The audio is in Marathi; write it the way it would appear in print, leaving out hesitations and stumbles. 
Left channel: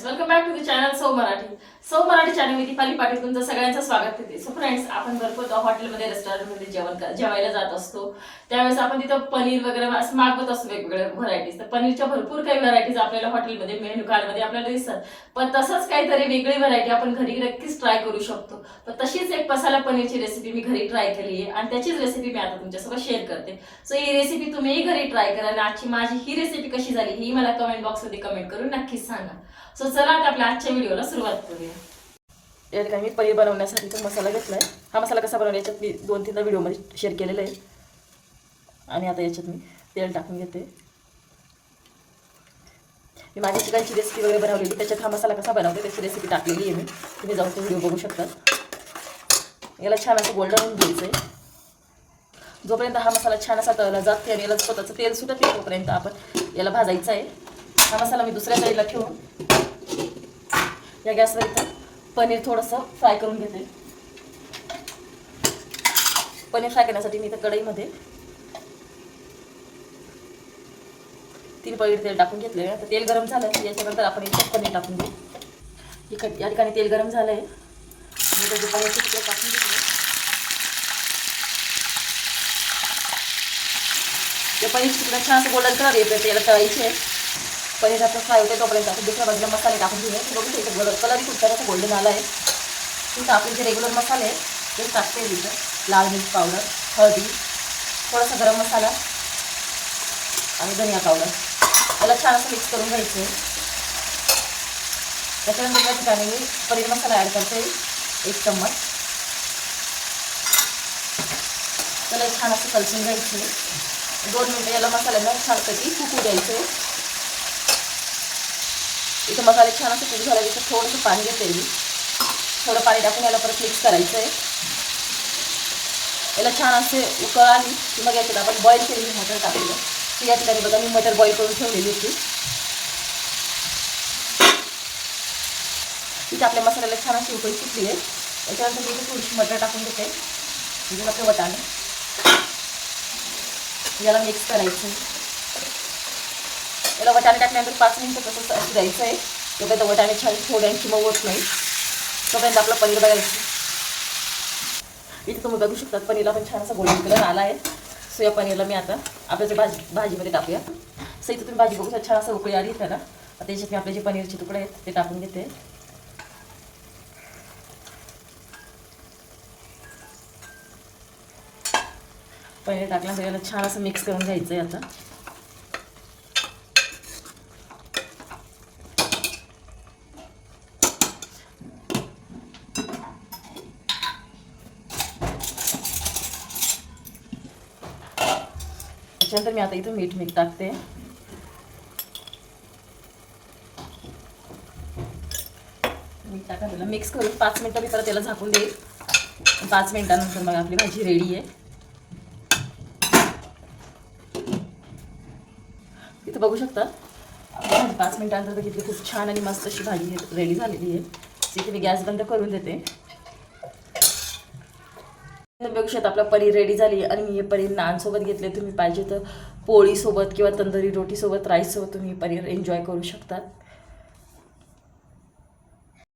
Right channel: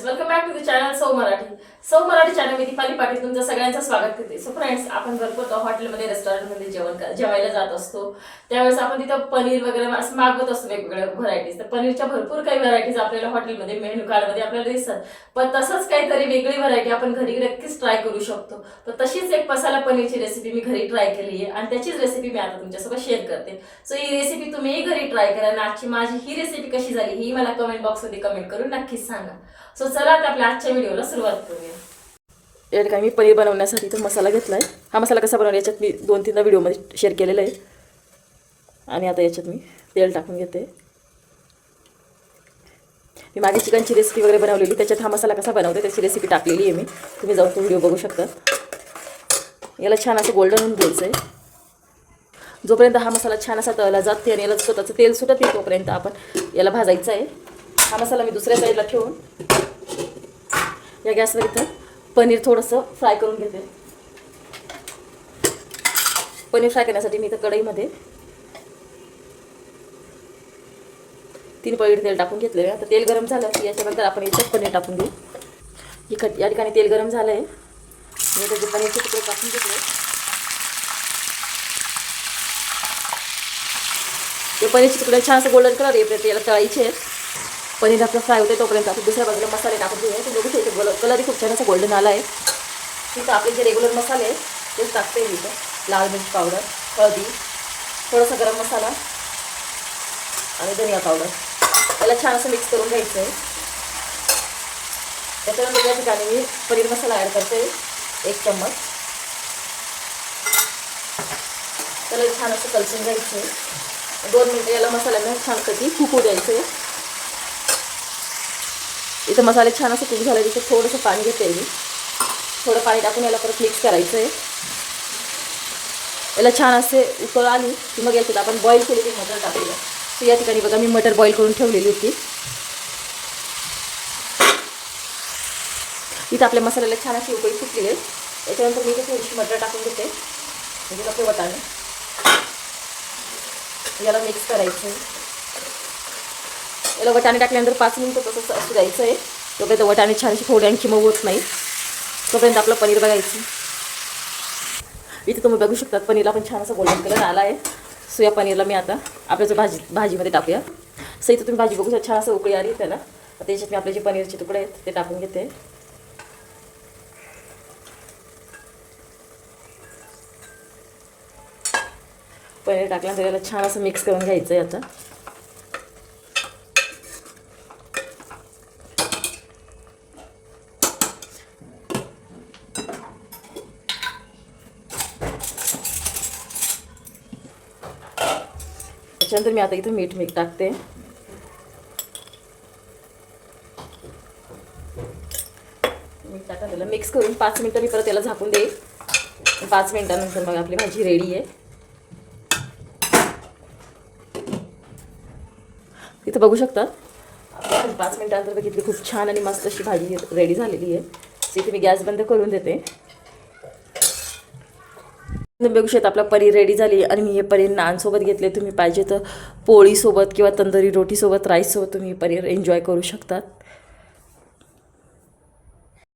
Friends, welcome back to the channel सौ मराठी चॅनल मी दीपाली पाटील तुमचं सगळ्यांचं स्वागत करते. सो फ्रेंड्स, आपण भरपूर हॉटेलमध्ये रेस्टॉरंटमध्ये जेवायला जात असतो. त्यावेळेस आपण तिथं पनीर वगैरे असं मागवत असतो, वेगवेगळ्या व्हरायटीज. तर पनीरच्या भरपूर काही व्हरायटीज आपल्याला हॉटेलमध्ये मेन्यू कार्डमध्ये आपल्याला दिसतात. पण तसंच काहीतरी वेगळी व्हरायटी आपण घरी नक्कीच ट्राय करू शकतो. तर तशीच एक मसाला पनीरची रेसिपी मी घरी ट्राय केली आहे आणि त्याचीच रेसिपी मी आता तुमच्यासोबत शेअर करते. सो ही रेसिपी तुम्हीही घरी ट्राय करा आणि आजची माझी ही रेसिपी कशी झाली ही मला कमेंट बॉक्समध्ये कमेंट करून नक्कीच सांगा. सो चला आता आपल्या आजच्या व्हिडिओला सुरुवात करूया. या ठिकाणी मी पनीर बनवण्यासाठी तो मसाला घेतला आहे. हा मसाला कसा बनवला याच्यात मी 2-3 व्हिडिओमध्ये शेअर केलेला आहे. आणि आता याच्यात मी तेल टाकून घेते. मी माझी चिकनची रेसिपी वगैरे बनवलेली, त्याच्यात हा मसाला कसा बनवते त्याची रेसिपी टाकलेली आहे मी. तुम्ही जाऊन तो व्हिडिओ बघू शकता. याला छान असं गोल्डन होऊन द्यायचं आहे. जोपर्यंत हा मसाला छान असा तळला जाते आणि याला स्वतःचं तेल सुटत येईल तोपर्यंत आपण याला भाजायचं आहे. हा मसाला मी दुसऱ्या साईडला ठेवून या गॅसवर इथं पनीर थोडंसं फ्राय करून घेते. पनीर फ्राय करण्यासाठी मी इथं कढईमध्ये 3 पळी तेल टाकून घेतले. आता तेल गरम झालं की याच्यानंतर आपण इथं पनीर टाकून घेऊ. या ठिकाणी तेल गरम झालं आहे. मी त्याचे पनीरचे तुकडे टाकून घेतले. ते पनीरचे तुकडे छान असं गोल्डन कलर येते त्याला तळायचे आहे. पनीर आपलं फ्राय होते तोपर्यंत आपण दुसऱ्या बाजूला मसाले टाकून घेऊया. तुम्ही बघू शकता कलरही खूप छान असं गोल्डन आला आहे. तिथं आपले जे रेग्युलर मसाले आहेत ते टाकते. इथं लाल मिर्च पावडर, हळदी, थोडासा गरम मसाला आणि धनिया पावडर याला छान असं मिक्स करून घ्यायचं आहे. त्याच्यानंतर या ठिकाणी मी पनीर मसाला ॲड करते 1 चम्मच. त्याला छान असं कलसून घ्यायचं आहे. 2 मिनिटं याला मसाल्याला छानपैकी फुकू द्यायचं आहे. इथं मसाले छान असं कुक झालं तिथं थोडंसं पाणी घेते मी. थोडं पाणी टाकून याला परत मिक्स करायचं आहे. याला छान असे उकळ आली की मग याच्यात आपण बॉईल केलेली मटर टाकूया. तर या ठिकाणी बघा मी मटर बॉईल करून ठेवलेली होती. इथं आपल्या मसाल्याला छान अशी उकळी फुटली आहे. याच्यानंतर मी इथे थोडीशी मटर टाकून घेते म्हणजे आपले वटाणे. याला मिक्स करायचं आहे. याला वटाणे टाकल्यानंतर 5 मिनिटं तसंच असं द्यायचं आहे. तोपर्यंत वटाणे छानशी थोडे आणखी मग होत नाही तोपर्यंत आपलं पनीर बघायचं. इथे तुम्ही बघू शकतात पनीरला पण छान असा गोल्डन कलर आला आहे. सो या पनीरला मी आता आपल्या भाजीमध्ये टाकूया. सो इथं तुम्ही भाजी बघू शकता छान असं उकळी आली त्याला. त्याच्यात मी आपले जे पनीरचे तुकडे आहेत ते टाकून घेते. पनीर टाकल्यानंतर याला छान असं मिक्स करून घ्यायचं आहे. आता त्याच्यानंतर मी आता इथं मीठ टाकते. मीठ टाकायला मिक्स करून 5 मिनिटं मी परत त्याला झाकून देईल. 5 मिनिटानंतर मग आपली भाजी रेडी आहे. इथं बघू शकता 5 मिनिटानंतर किती खूप छान आणि मस्त अशी भाजी रेडी झालेली आहे. इथे मी गॅस बंद करून देते. बघू शकता आपला पनीर रेडी झाली आणि मी हे पनीर नानसोबत घेतले. तुम्ही पाहिजे तर पोळीसोबत किंवा तंदुरी रोटीसोबत राईससोबत तुम्ही पनीर एन्जॉय करू शकता.